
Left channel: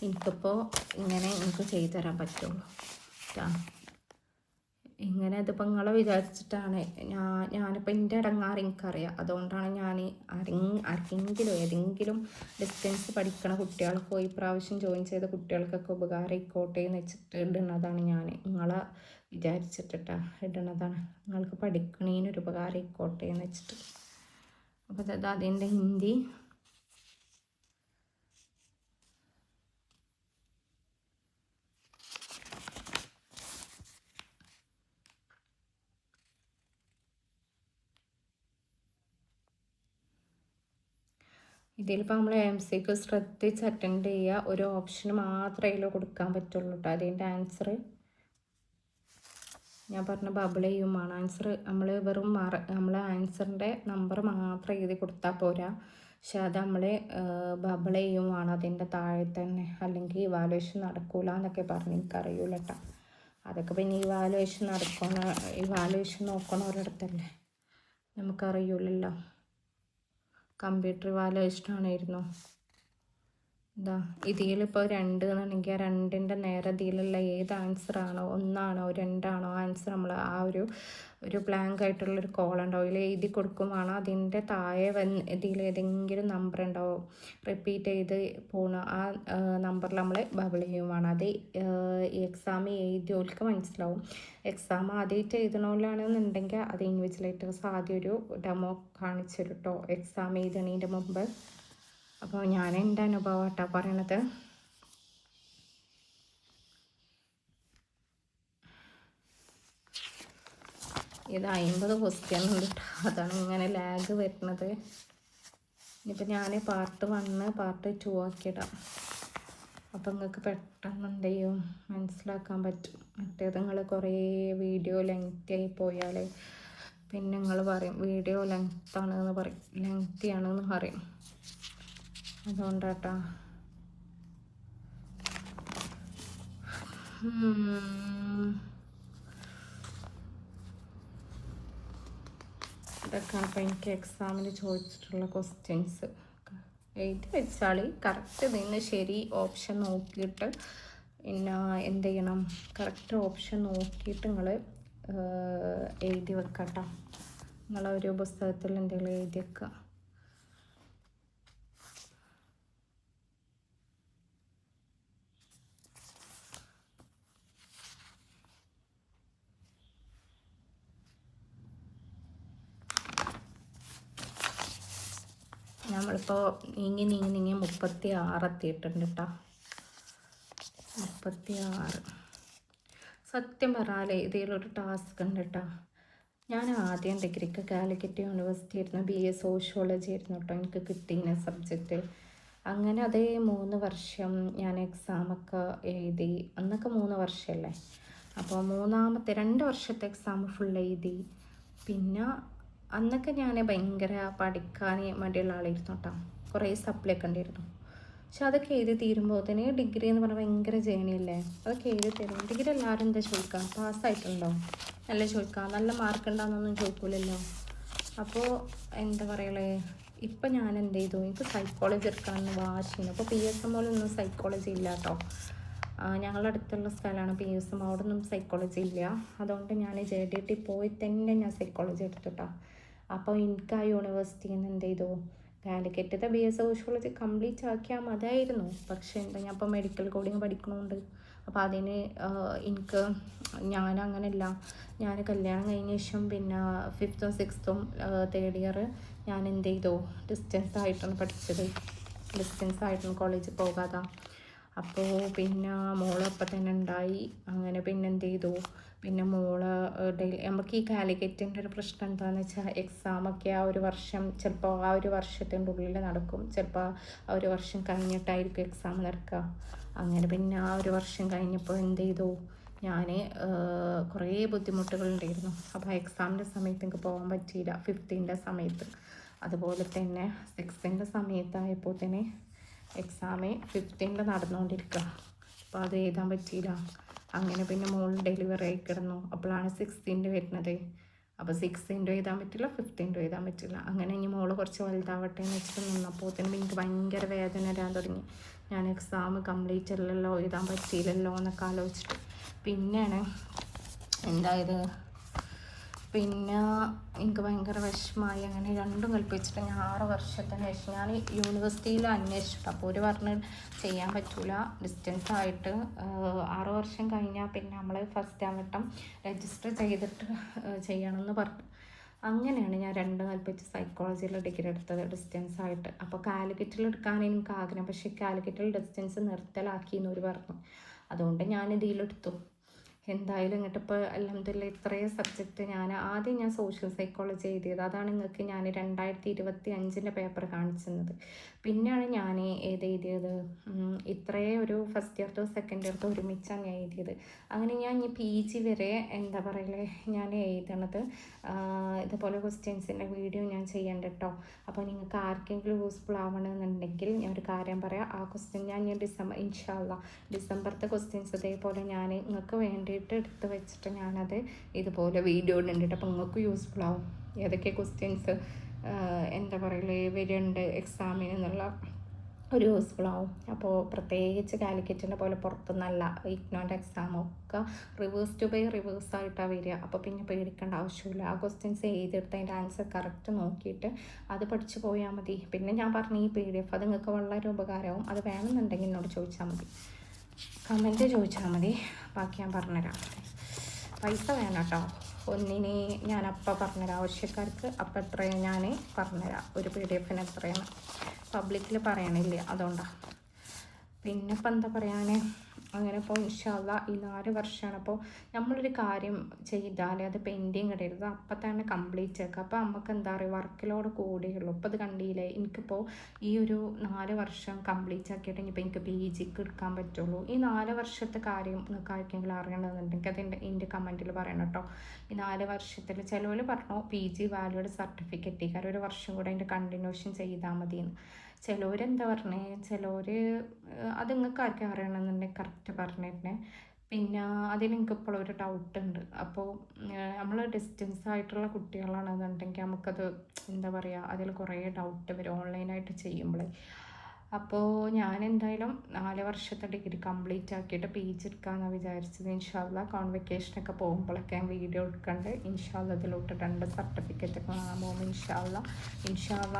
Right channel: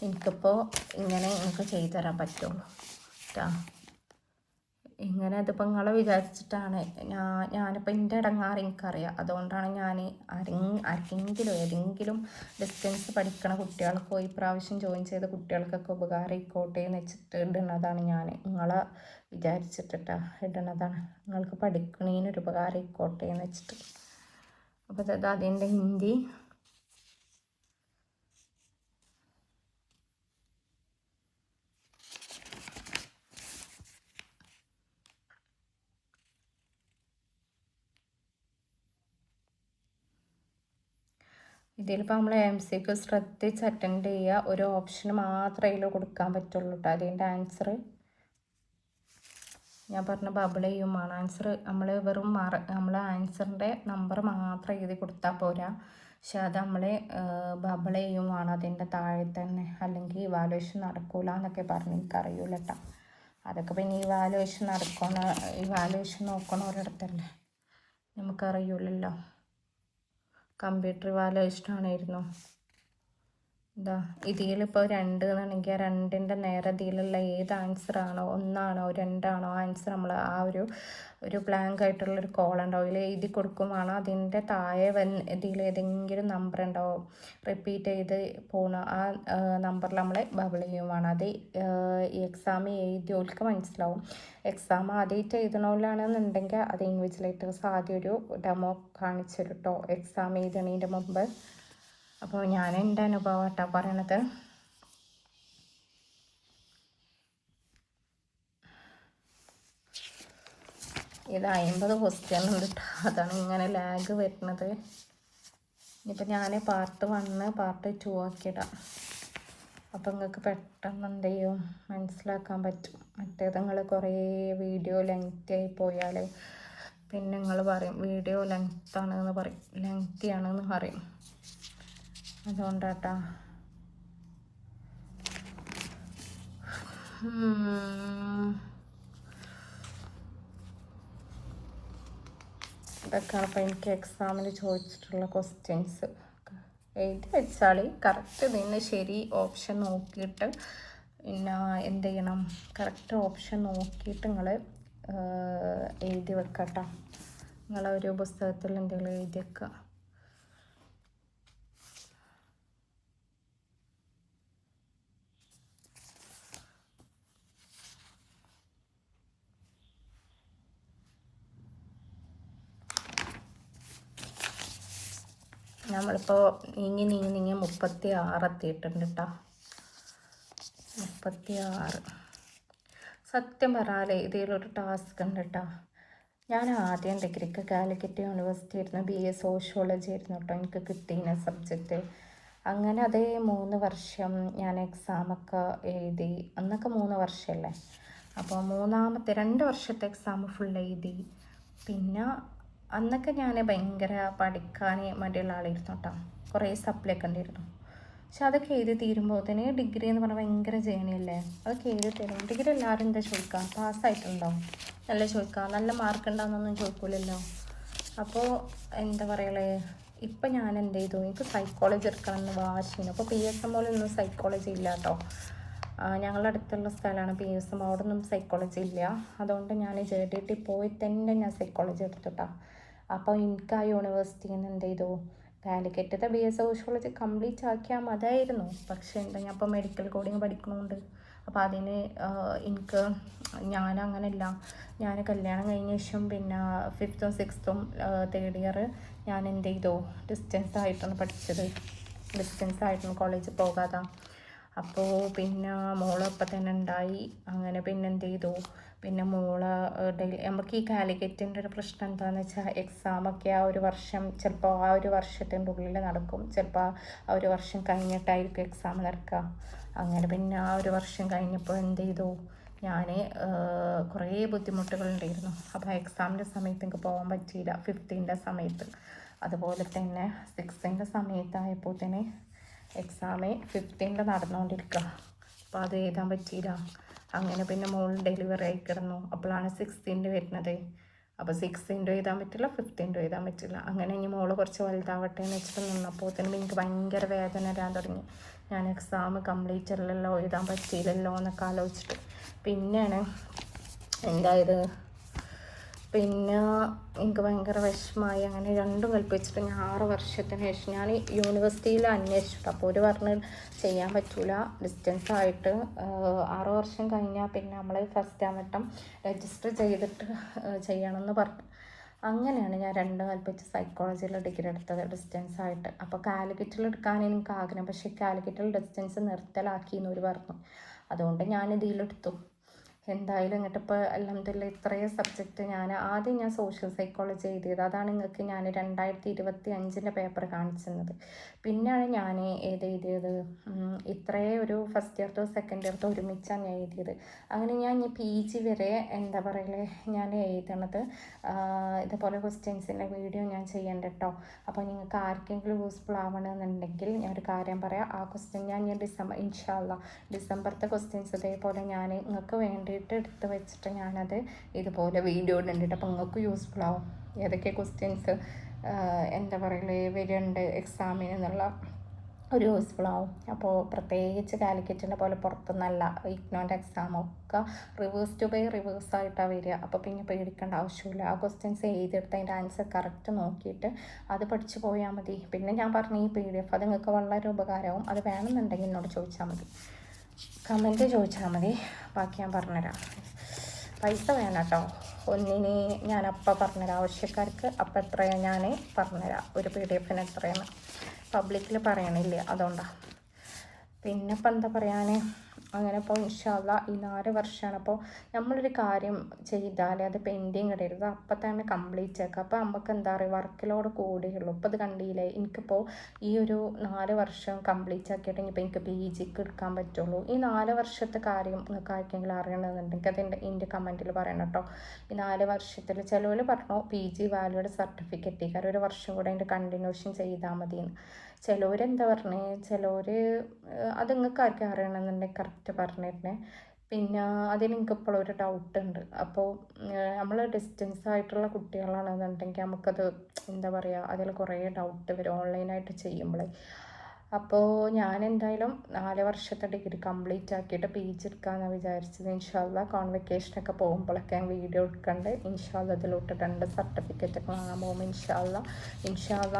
എനിക്കിപ്പോൾ ഇങ്ങനെ എനിക്ക് ചെയ്തു തരാൻ പറ്റുള്ളൂ കേട്ടോ. ഇങ്ങനെ അതിപ്പോൾ നിങ്ങളെ വിചാരിച്ചിട്ടാണ് ഞാനിപ്പോൾ എൻ്റെ ഇടങ്ങാറ് എനിക്കറിയാം. അതുകൊണ്ടാണ് ഞാൻ ഏതെങ്കിലും ഡിസ്റ്റൻസ് പഠിക്കണ കുട്ടികൾക്കോ ഈ പ്രാവശ്യം ജോയിൻ ചെയ്ത കുട്ടികൾക്കൊക്കെ ഉപകാരമായിക്കോട്ടെ എന്ന് വെച്ചിട്ട് ഇടുന്നതാണ്. ഞാൻ നിങ്ങളെ വിചാരിച്ചിട്ടിട്ടാ ഇടുന്നതാണ്, നിങ്ങൾക്ക് പഠിക്കണേനൊരു ഉപകാരമായിക്കോട്ടെ എന്ന് വെച്ചിട്ട്. അപ്പോൾ അത് അതിൻ്റെ ഹിന്ദി. ഇതിലിപ്പോൾ നമ്മൾ MCQ ശ്രദ്ധിച്ച് അറ്റൻഡ് ചെയ്യുക. ഒരു ഓപ്ഷന് മാത്രമേ ഇതിൽ കൊടുക്കാൻ പറ്റുള്ളൂ കേട്ടോ. അതിൻ്റെ ആൻസർ ഞാൻ പറഞ്ഞ ബബിൾ ചെയ്യുമാണ്. ആൻസർ നമ്മൾ വെറും നമ്മൾ ആൻസറിൻ്റെ നമ്പർ മാത്രം എഴുതി കൊടുത്താൽ പോരാ, പക്ഷെ അത് നമ്മൾ ബബിൾ ചെയ്യുമാണ് അതിൻ്റെ താഴെ തന്നെ, അല്ലെങ്കിൽ ഇവാലുവേഷൻ നടക്കൂല എന്നൊക്കെ പറഞ്ഞ് എനിക്കറിയൂല കേട്ടോ. അതൊക്കെ പിന്നെ ഇവാലുവേഷൻ നോക്കണവരടുത്തല്ലേ, നമുക്കറിയൂലല്ലോ. കമ്പ്യൂട്ടർ ഇവാലുവേഷനാണായിരുന്നു. എന്താ ഇതിലിപ്പോൾ 2 എന്നാണെങ്കിൽ ആ 2ൻ്റെ നേരെ ഇതിലുള്ള ഏത് ആൻസറാണോ, 1 ആണോ 2 ആണോ ആൻസർ നമ്മൾ ആ ഒരു ബ്ലാങ്ക് ആയിട്ടുള്ളൊരു കോളം ഉണ്ടാവും, ഇതിൽ എഴുതി കൊടുക്കുമാണ്. അതിൻ്റെ താഴെ ഇതിലേതെങ്കിലും നമ്പർ ഉണ്ടാവും റിപ്പീറ്റ് ചെയ്ത് പോണ, ആ നമ്പറിൽ നമ്മൾ ബബിൾ ചെയ്യുവാണ്. അത് ഈ എക്സാം എഴുതിയവർക്ക് മനസ്സിലാവും. എക്സാം ആദ്യമായിട്ട് എഴുതണോലാണെന്നുണ്ടെങ്കിൽ അത് ഇൻവിജിലേറ്റേഴ്സ് ആദ്യം ഒരു ഡെമോ കാണിച്ചു തരും കേട്ടോ എക്സാം എഴുതണതിൻ്റെ മുമ്പ്. അപ്പോൾ ഞാൻ എൻ്റെ അനുഭവം കേട്ടോ പറയണത്. ഇത് 50 ക്വസ്റ്റ്യൻ ഉണ്ട് കേട്ടോ, അതാണ് ഇങ്ങനെ ലാഗ് വരുന്നത്. ഇനിയിപ്പോൾ ഞാൻ പാർട്ട് 1 പാർട്ട് 2 ആക്കിയിടാം. അപ്പോൾ നിങ്ങൾക്ക് പെട്ടെന്ന് എന്ത് ചെയ്യും മനസ്സിലാക്കാൻ പറ്റും. മറ്റേത് നിങ്ങൾ കുറേ വീഡിയോ ലെങ്തി ആയി പോയാൽ പിന്നെ നിങ്ങൾ പറയും വീഡിയോ ലെങ്താണെന്ന് പറയും, ലെങ്തി ആണെന്ന് പറയും. അതുകൊണ്ടാട്ടാ. ഇതൊക്കെയാണ് അപ്പോൾ എനിക്ക് എക്സാമിന് ചോദിച്ചിട്ടുള്ള ക്വസ്റ്റ്യൻസ്. എഴുതി വെച്ചാൽ കറക്റ്റ് ഇതിന് ശരി ഓപ്ഷൻ നോക്കിയിട്ട് പിന്നെ എന്ത് ചെയ്യണം, കറക്റ്റ് ഓപ്ഷൻ നോക്കിയിട്ട് നിങ്ങൾ എഴുതി വെക്കട്ടോ. നിങ്ങളൊരു പുസ്തകത്തിൽ എന്തെങ്കിലും എഴുതി വെക്കുക. നമ്മളിപ്പോൾ നീങ്ങി 36 എത്തിയിട്ടുണ്ട് കേട്ടോ. 36. സത്യം പറഞ്ഞാൽ ഇതിലൊരു ടാസ്ക് ഉണ്ട് കേട്ടോ. ഞാൻ ആദ്യം ഡിഗ്രിക്ക് കാലിക്കറ്റ് യൂണിവേഴ്സിറ്റി ആയിരുന്നു, BA സോഷ്യോളജി ആയിരുന്നു കേട്ടോ എനിക്ക് കിട്ടിയ സബ്ജക്റ്റ്. അങ്ങനെ അതേ 3 വർഷം ഞാൻ എക്സാമൊക്കെ എഴുതി. അന്നൊക്കെ 3 വർഷമല്ലേ, അപ്പോൾ 2 വർഷത്തെ എക്സാം ഫുൾ എഴുതി. പിന്നെ അന്നൊക്കെ ഞാൻ ഭയങ്കര പഠിക്കാൻ മടിയുള്ള ആളായിരുന്നു കേട്ടോ. കുറേ സപ്ലൈ ഒക്കെ ഉണ്ടായിരുന്നു. പക്ഷെ അതൊക്കെ എഴുതി തീരുമ്പോൾ തന്നെ ഡിഗ്രി എന്ന് പറഞ്ഞാൽ ഭയങ്കര ജേണിയല്ലേ. അതൊക്കെ എഴുതി ഡിഗ്രി എല്ലാവരും എന്താ ചോദിക്കാം, പാസ്സായിട്ടുണ്ടോ നല്ല ചോദിക്കാം, നല്ല മാർക്ക് ഉണ്ടാകുന്നൊന്നും ചോദിക്കില്ലല്ലോ. അപ്പോൾ എന്താ പറയുക, ഇപ്പം ഞാൻ എന്ത് ചെയ്തു, എനിക്ക് സൈക്കോളജി എടുക്കണമെന്ന് വാശിയാണ്. അപ്പോൾ PSM ഒന്നും സൈക്കോളജി ഇല്ല കേട്ടോ. ഞങ്ങളുടെ അടുത്തുള്ള സ്ഥലമാണ് PSM, അവിടെ ഒന്നും സൈക്കോളജി ഇല്ല. അതുകൊണ്ട് ഞാൻ JDT പോയി തന്നെ ഞാൻ സൈക്കോളജി എടുത്തുട്ടാ. അപ്പോൾ എനിക്ക് ആ യൂണിവേഴ്സിറ്റിയിൽ നിന്ന് എന്ത് ചെയ്തു, കാലിക്കറ്റത്തെ BA സോഷ്യോളജി കംപ്ലീറ്റ് ആക്കിയാൽ മതിയായിരുന്നു. പക്ഷേ എന്താ, ഞാൻ ഇപ്പോൾ മെഡിക്കൽ കോഡിങ് പഠിക്കുന്നുണ്ട്. അപ്പോൾ അതിന് എനിക്ക് ഞാനങ്ങനെയല്ല, ഞാൻ കല്യാണം കഴിഞ്ഞ ശേഷം പിന്നെ 5th 6th 3rd ഇയർ ഞാൻ എന്ത് ചെയ്തു, ഡിസ്റ്റൻസ് ആയിട്ടാണ് പഠിച്ചത്. ഡിസ്റ്റൻസ് ആയിട്ടാണ് കോളേജിൽ പോകാതെ. അപ്പോൾ പിന്നെ മോള് ഇപ്പം തന്നെ ഉണ്ടായി. അങ്ങനെ പിന്നെ എന്ത് ചെയ്തു, പിന്നെ മോള് നമുക്ക് ഈ കാലിക്കറ്റിൻ്റെ ഒരു പ്രശ്നം എന്താണെന്ന് വെച്ചാൽ, എക്സാമൊക്കെ ആ ഒരു വർഷം ചിലപ്പോൾ ആ ഒരു വർഷത്തിൻ്റെ ഉള്ളിൽ നടക്കും, ചിലപ്പോൾ ആ ഒരു വർഷം കഴിഞ്ഞിട്ടായിരിക്കും എക്സാം നടക്കുക. അങ്ങനെ പിന്നെ ആ ഒരു വർഷം കഴിഞ്ഞപ്പോൾ എന്ത് ചെയ്തു, ഞാൻ കുറേ ബുദ്ധിമുട്ടുകളുണ്ടായിരുന്നു. അപ്പോൾ എക്സാമിൻ്റെ സമയത്ത് എനിക്ക് പോകാൻ പറ്റിയില്ല, 5th സമയത്ത്. അതുപോലെ തന്നെ 6th സമയത്തായപ്പോൾ തന്നെ എക്സാം 5th നടന്നുകൊണ്ടിരിക്കുക. അപ്പോൾ അത് എഴുതാൻ പറ്റിയില്ല. അങ്ങനെ പിന്നെ മോൾ ഡെലിവറി ആയി കിടന്നു. അപ്പോഴാണ് 6th വരുന്നത്. അപ്പോൾ 6th എഴുതാൻ പറ്റില്ല, 5th എഴുതാൻ പറ്റില്ല. അങ്ങനെ ഇനി മോള് കുറച്ച് വലുതാവട്ടെ എന്ന് വെച്ചിട്ട് നിന്നപ്പോൾ തന്നെ എനിക്ക് ഭയങ്കര വേദന വരാൻ തുടങ്ങി. ഞാൻ എക്സാം കംപ്ലീറ്റ് അല്ലല്ലോ, എഴുതാൻ പറ്റിയില്ലല്ലോ എന്നൊക്കെ ആലോചിച്ചിട്ട് പിന്നെയാണ് എന്തായത്, പിന്നെ എനിക്ക് ഭയങ്കര വിഷമമായി. അങ്ങനെ രണ്ടും കൽപ്പിച്ചിട്ട് ഞാൻ 6 വർഷത്തിന് ശേഷം ഞാൻ യൂണിവേഴ്സിറ്റിയിൽ അന്വേഷിച്ചു. അപ്പോൾ ഒരു പറഞ്ഞ് ചെയ്യാൻ പറ്റൂല, ഡിസ്റ്റൻസ് ആയിട്ട് 6 വർഷം കഴിഞ്ഞാൽ പിന്നെ നമ്മൾ ഫസ്റ്റ് വട്ടം രജിസ്റ്റർ ചെയ്തിട്ട് ചെയ്യണമെന്ന് പറഞ്ഞു. അങ്ങനെയാണ് ഞാൻ രണ്ടും കൽപ്പിച്ച് സൈക്കോളജിയിൽ ഡിഗ്രി എടുത്തത് ഡിസ്റ്റൻസ് ആയിട്ട്. അപ്പോൾ കാലിക്കറ്റിൽ എടുക്കാൻ എനിക്ക് ആഗ്രഹം, പക്ഷേ കാലിക്കറ്റിൽ ഡിസ്റ്റൻസ് നിർത്തലാക്കി എന്നൊരു പറഞ്ഞു. അതുകൊണ്ട് ഞാൻ ഇതിലെടുത്തു. എന്തായാലും ഇങ്ങോട്ട് ഇപ്പോൾ അൽഹംദുലില്ലാ ഇത്രയും സബ്ജക്റ്റ് ഞാൻ സോഷ്യൽ സൈക്കോളജി എഴുതിയത്. അതാണ് നിങ്ങൾക്ക് ഞാൻ 2025 പേപ്പർ കാണിച്ചത്. പിന്നെയാണ് ഞാൻ എഴുതിയത് ഇത്രയും ഒരു ഫസ്റ്റ് ഇയർത്തോ സെക്കൻഡ് ഇയർത്തോ ഒരുമിച്ചാണ് ഞാൻ എഴുതിയത്. അങ്ങനെ ഞാൻ PG വരെ എന്താ പറയലേ ഞാൻ എഴുതണത്. ഇതുപോലെ ക്വസ്റ്റ്യൻസിൻ്റെ വീഡിയോ ഞാൻ ചെയ്യണ്ട കേട്ടോ. അപ്പോൾ നിങ്ങൾക്ക് ആർക്കെങ്കിലും യൂസ്ഫുൾ ആവണമെന്നുണ്ടെങ്കിൽ ഞാനൊരു കാര്യം പറയാം. ആ ക്വസ്റ്റ്യൻ ഞാൻ ഡിസംബർ ഇൻഷാ അല്ലാ ഡിസംബറത്തെ ക്വസ്റ്റ്യൻസ് ഇതേപോലെ ഞാൻ നിങ്ങൾക്ക് വേണ്ടിയിട്ട് എടുത്ത് വെച്ചിട്ട് ഞാനത് ഇതുപോലെ വീഡിയോ ഇടുന്നുണ്ട്. അപ്പോൾ നിങ്ങൾക്ക് യൂസ്ഫുൾ ആവും ഏതൊക്കെ ക്വസ്റ്റ്യൻസ് എന്താ പറയലേ വരുന്നുണ്ട് എക്സാമിന് എന്നുള്ള ഒരു യൂസ്ഫുൾ ആവും. അപ്പോൾ പ്രത്യേകിച്ച് കാലിക്കറ്റിൻ്റെ പോലെ പുറത്തുനിന്നല്ല, ഇഗ്നോൻ്റെ എക്സാമൊക്കെ റിവേഴ്സ് ടു ബൈ റിവേഴ്സ് ആയിട്ടാണ് വരിക. അപ്പോൾ പിന്നെ പേടിക്കേണ്ട ആവശ്യമില്ല. ആ ക്വസ്റ്റ്യൻസ് എഴുതിയെടുത്ത് അതിൻ്റെ ആൻസർ കറക്റ്റ് നോക്കിയിട്ട് അത് പഠിച്ചു പോയാൽ മതി. പിന്നെ ഞാൻ പറഞ്ഞ ഈ PDF അത് നിങ്ങൾക്ക് വളരെ ഉപകാരമാവും. അത് വേണമെന്നുണ്ടെങ്കിൽ എന്നോട് ചോദിച്ചാൽ മതി, കമൻറ്റ് ചോദിച്ചാൽ മതി, ബാക്കി ഞാൻ പറഞ്ഞുതരാം. പൈസ വേണം കേട്ടോ, ഒന്നിന് ഞാനപ്പോൾ പറഞ്ഞുതരാം. ആവശ്യക്കാർക്ക് അപ്പം എത്രയാണ് ഞാൻ പറഞ്ഞുതരാം. ഒരു PDF എത്രയാണ് പബ്ലിക്കിൽ പറയണില്ല, അതുകൊണ്ടാണ്. പിന്നെ ഇപ്പം എന്താ പറയാൻ, അങ്ങനെ ഇപ്പോൾ ഇൻഷാ അല്ലാ ഈ 4 വർഷമാണ്. അപ്പോൾ നമ്മളൊരു കാര്യം ചെയ്താൽ അത് പെൻഡിങ് ഇടരുത്, അപ്പം തന്നെ കംപ്ലീറ്റ് ആക്കുക. അപ്പോൾ നമുക്ക് എന്താ പറയുക, വർക്ക് ലോഡ് കൂടുകയുള്ളൂ. ഇപ്പോൾ അത് കണ്ടില്ലേ, എനിക്കിപ്പോൾ ഈ ഒരു 4 വർഷം കംപ്ലീറ്റ് ആക്കിയിട്ട് ഇനിയിപ്പോൾ എനിക്ക് PGക്ക് എടുക്കാൻ പറ്റുള്ളൂ. ഈ 4 വർഷത്തെ കാര്യം നിങ്ങൾക്ക് ആർക്കെങ്കിലും അറിയണമെന്നുണ്ടെങ്കിൽ അത് എൻ്റെ കമൻറ്റിൽ പറയണം കേട്ടോ. ഈ 4 വർഷത്തിൽ ചിലവർ പറഞ്ഞു PG വാല്യൂഡ് സർട്ടിഫിക്കറ്റ് കാരണം 1 വർഷം കൂടെ അതിൻ്റെ കണ്ടിന്യൂഷൻ ചെയ്താൽ മതിയെന്ന്. ചിലവരെന്താ പറഞ്ഞേ, ചിലവർ അത് നിങ്ങൾക്ക് ആർക്കും അറിയണമെന്നുണ്ടെങ്കിൽ കറക്റ്റ് പറഞ്ഞിരുന്നേ. പിന്നെ അതിന് എനിക്ക് ഇപ്പോഴും ഒരു ഡൗട്ട് ഉണ്ട്. അപ്പോൾ നമ്മൾ ഡിസ്റ്റൻസ് ആയിട്ടുള്ള കുട്ടികളാണെന്നുണ്ടെങ്കിൽ നമുക്കത് എന്താ പറയുക, അതിൽ കുറേ ഡൗട്ട് വരും ഓൺലൈനായിട്ട് ചെയ്യുമ്പോൾ. അപ്പോൾ ഞാൻ എന്തായാലും 4 വർഷത്തെ ഡിഗ്രി കംപ്ലീറ്റ് ആക്കിയിട്ട് PG എടുക്കാമെന്നാണ് വിചാരിച്ചത്. ഇൻഷാ അല്ലാ കോൺവെക്കേഷനൊക്കെ പോകുമ്പോഴൊക്കെ ഞാൻ വീഡിയോ എടുക്കണ്ട്. ഇൻഷാ അല്ലാ അതിലോട്ട് 2 സർട്ടിഫിക്കറ്റൊക്കെ വാങ്ങാൻ പോകുമ്പോൾ ഇൻഷാ അല്ലാ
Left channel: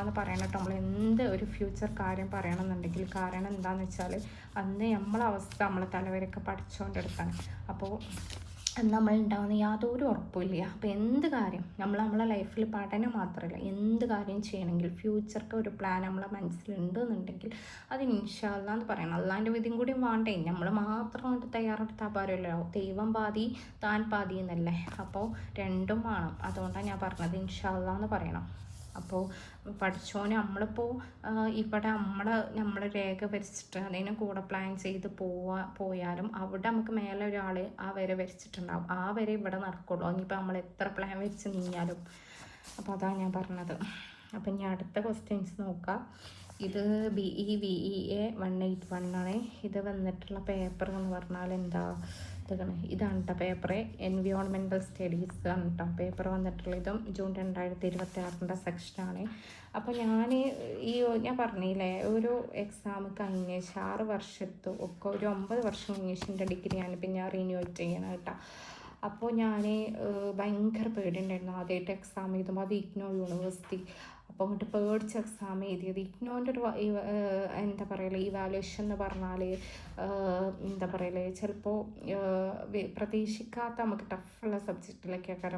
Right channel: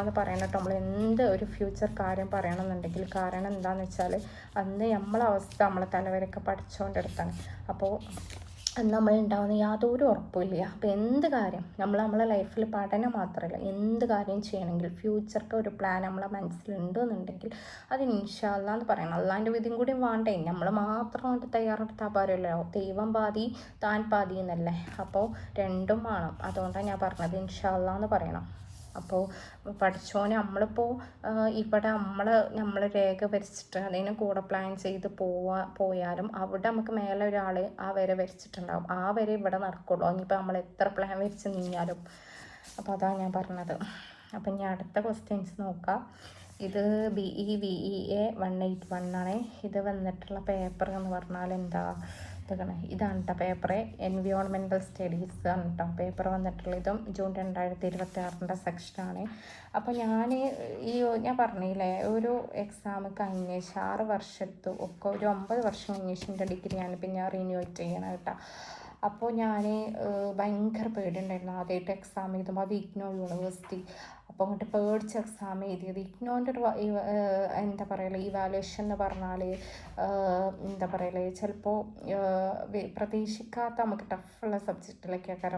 എന്ന് പറയണത് നമ്മൾ എന്ത് ഒരു ഫ്യൂച്ചർ കാര്യം പറയണമെന്നുണ്ടെങ്കിൽ, കാരണം എന്താണെന്ന് വെച്ചാൽ അന്ന് നമ്മളെ അവസ്ഥ നമ്മളെ തലവരൊക്കെ പഠിച്ചുകൊണ്ടെടുക്കണം. അപ്പോൾ നമ്മളുണ്ടാവുന്ന യാതൊരു ഉറപ്പില്ല. അപ്പോൾ എന്ത് കാര്യം നമ്മളെ ലൈഫിൽ പഠനം മാത്രമല്ല എന്ത് കാര്യം ചെയ്യണമെങ്കിൽ ഫ്യൂച്ചർക്ക് ഒരു പ്ലാൻ നമ്മളെ മനസ്സിലുണ്ടെന്നുണ്ടെങ്കിൽ അത് ഇൻഷാ അല്ലാ എന്ന് പറയണം. അല്ലാൻ്റെ വിധിയും കൂടി വേണ്ടേ, നമ്മൾ മാത്രം കൊണ്ട് തയ്യാറെടുത്താൽ പോരല്ലോ. ദൈവം പാതി താൻ പാതി എന്നല്ലേ, അപ്പോൾ രണ്ടും വേണം. അതുകൊണ്ടാണ് ഞാൻ പറഞ്ഞത് ഇൻഷാ അല്ലാ എന്ന് പറയണം. അപ്പോൾ പഠിച്ചോനെ നമ്മളിപ്പോൾ ഇവിടെ നമ്മൾ രേഖ വരച്ചിട്ട് അതിന് കൂടെ പ്ലാൻ ചെയ്ത് പോയാലും അവിടെ നമുക്ക് മേലെ ഒരാൾ ആ വര വരച്ചിട്ടുണ്ടാവും. ആ വര ഇവിടെ നടക്കുള്ളൂ, ഇനിയിപ്പോൾ നമ്മൾ എത്ര പ്ലാൻ വരച്ച് നീങ്ങിയാലും. അപ്പോൾ അതാണ് ഞാൻ പറഞ്ഞത്. അപ്പം ഇനി അടുത്ത ക്വസ്റ്റ്യൻസ് നോക്കാം. ഇത് BE 181 ആണ്. ഇത് വന്നിട്ടുള്ള പേപ്പർ എന്ന് പറഞ്ഞാൽ എന്താ, ഇതാണ് കേട്ടോ പേപ്പർ. എൻവിയോൺമെൻറ്റൽ സ്റ്റഡീസ് ആണ് കേട്ടോ പേപ്പർ വന്നിട്ടുള്ളത്. ഇതും ജൂൺ 2026 സെക്ഷനാണ്. അപ്പോൾ ഞാൻ പറഞ്ഞില്ലേ ഒരു എക്സാം കഴിഞ്ഞ 6 വർഷത്തും ഒക്കെ ഒരു 9 വർഷം കഴിഞ്ഞ ഡിഗ്രിയാണ് പിന്നെ ഞാൻ റിന്യൂ ചെയ്യണം കേട്ടോ. അപ്പോൾ ഞാൻ ഭയങ്കര പേടിയുണ്ടായിരുന്നു ആദ്യമായിട്ട് എക്സാം എഴുതുമ്പോൾ. അത് ഇഗ്നോ യൂണിവേഴ്സിറ്റി. അപ്പോൾ അങ്ങോട്ട് പേടിച്ച് എക്സാം എഴുതിയത്. ഇഗ്നോൻ്റെ ഒരു എന്താ പറയുക ഇവാലുവേഷൻ എന്ന് പറഞ്ഞാൽ എന്താ പറയുക ചിലപ്പോൾ പ്രതീക്ഷിക്കാത്ത നമുക്ക് ടഫുള്ള സബ്ജക്റ്റിലൊക്കെ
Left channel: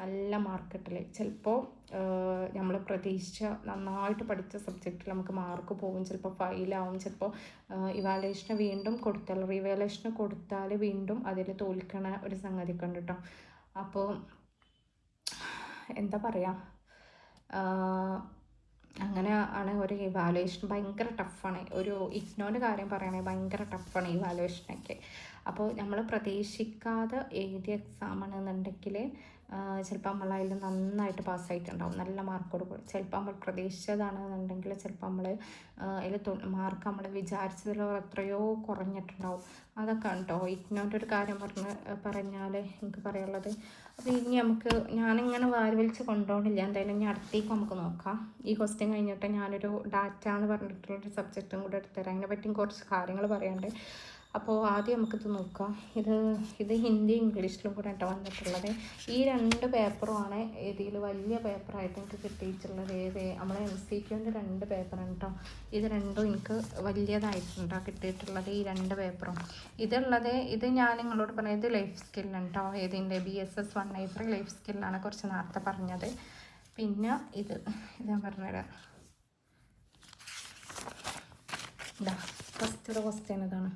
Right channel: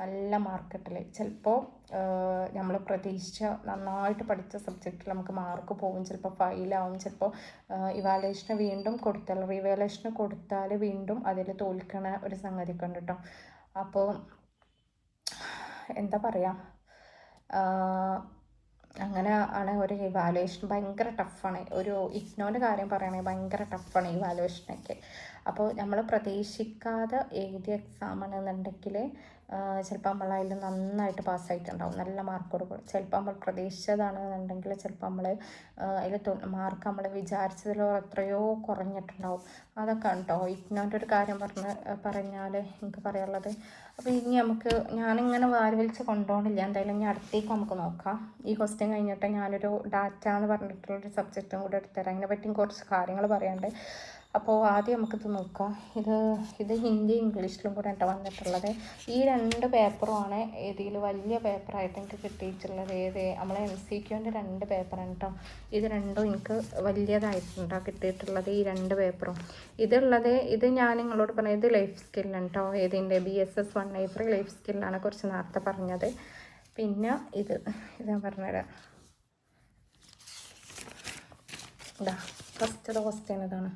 നല്ല മാർക്ക് കിട്ടൽ. ചിലപ്പോൾ നമ്മൾ പ്രതീക്ഷിച്ച നന്നായിട്ട് പഠിച്ച സബ്ജക്റ്റിൽ നമുക്ക് മാർക്ക് പോകും, ചിലപ്പോൾ ഫെയിലാവും, ചിലപ്പോൾ ഇവാലുവേഷന് വീണ്ടും കൊടുത്താൽ റിവാലുവേഷന് കൊടുത്താൽ വീണ്ടും അതിൽ തോൽക്കണ ഒരു സംഗതിയൊക്കെ ഉണ്ട് കേട്ടോ. അപ്പോൾ എന്താ പറയുക, അങ്ങനെ ആണ് ഒരു ഇവാലുവേഷൻ. ഭയങ്കര ടഫാണ്. ഒരു ഇഗ്നോൻ്റെ കാര്യം പറയുകയാണെങ്കിൽ ഭയങ്കര ടഫാണ് ഇവാലുവേഷനൊക്കെ. അപ്പോൾ നമ്മൾ പ്രതീക്ഷിക്കാതെ എഴുതിയ എക്സാമാണെന്നുണ്ടെങ്കിൽ ചിലപ്പോൾ നമ്മളതിൽ നന്നായിട്ട് പാസ്സായിട്ടുണ്ടാവും, നല്ല മാർക്കോട് കൂടി. ചിലപ്പോൾ നമ്മൾ പ്രതീക്ഷിച്ചതാണെന്നുണ്ടെങ്കിൽ ചിലപ്പോൾ നമ്മൾ അതിൽ മാർക്ക് നമ്മൾ വിചാരിച്ചതിലോ എത്രയോ കുറഞ്ഞിട്ടുണ്ടാവും. അതൊക്കെ ഉണ്ടോ ഇഗ്നോൻ്റെ ഒരു കാര്യം പറഞ്ഞാൽ എനിക്ക് പറയാനുള്ളത്. അപ്പോൾ ഇനി നമുക്ക് ഞാനിങ്ങനെ വലിച്ച് കൊണ്ടുപോകണില്ല, എന്തായാലും ഇനി അടുത്തേക്ക് നമുക്ക് നോക്കാം. ഈ ക്വസ്റ്റ്യൻ കഴിഞ്ഞിട്ട് ഞാനൊരു ഡാറ്റ എന്ന് പറഞ്ഞിട്ടുള്ളൊരു സബ്ജക്റ്റും കൂടെ എടുത്തുതരാം. അതിനെ പറ്റിയും കുറച്ച് കാര്യങ്ങൾ പറയാനുണ്ട്. അപ്പോൾ ആദ്യം നമുക്കിത് നോക്കാം. ഇത് ഹിന്ദി ഇംഗ്ലീഷിലും കൂടെ കേട്ടോ വന്നിട്ടുള്ളത്. ഈ 2 പേപ്പറുമാണ് ഇതിൽ വലിയ പേപ്പറായിട്ട് എനിക്ക് കിട്ടിയിട്ടുള്ളത്. നമ്മളെ MCQൻ്റെ 2 പേപ്പറാണ് കേട്ടോ. ഇത് രണ്ടും എനിക്ക് വലിയതായിട്ടുണ്ട് കിട്ടിയിട്ടുള്ളത്, ഈ 2 പേപ്പറും. ഇത് ഞാൻ നിങ്ങളോട് പറഞ്ഞത് ലൈഫ് സ്കില്ലാണ് കേട്ടോ. ഇതിൻ്റെ BSS 183 ലൈഫ് സ്കില്ലാണ് കുറച്ച് നേരത്തെ പറഞ്ഞത്. പിന്നെ ഇത് ഞാൻ പറഞ്ഞുതരാം. ഇതാ ഫസ്റ്റത്തെ ക്വസ്റ്റ്യൻ ഇതാണ്.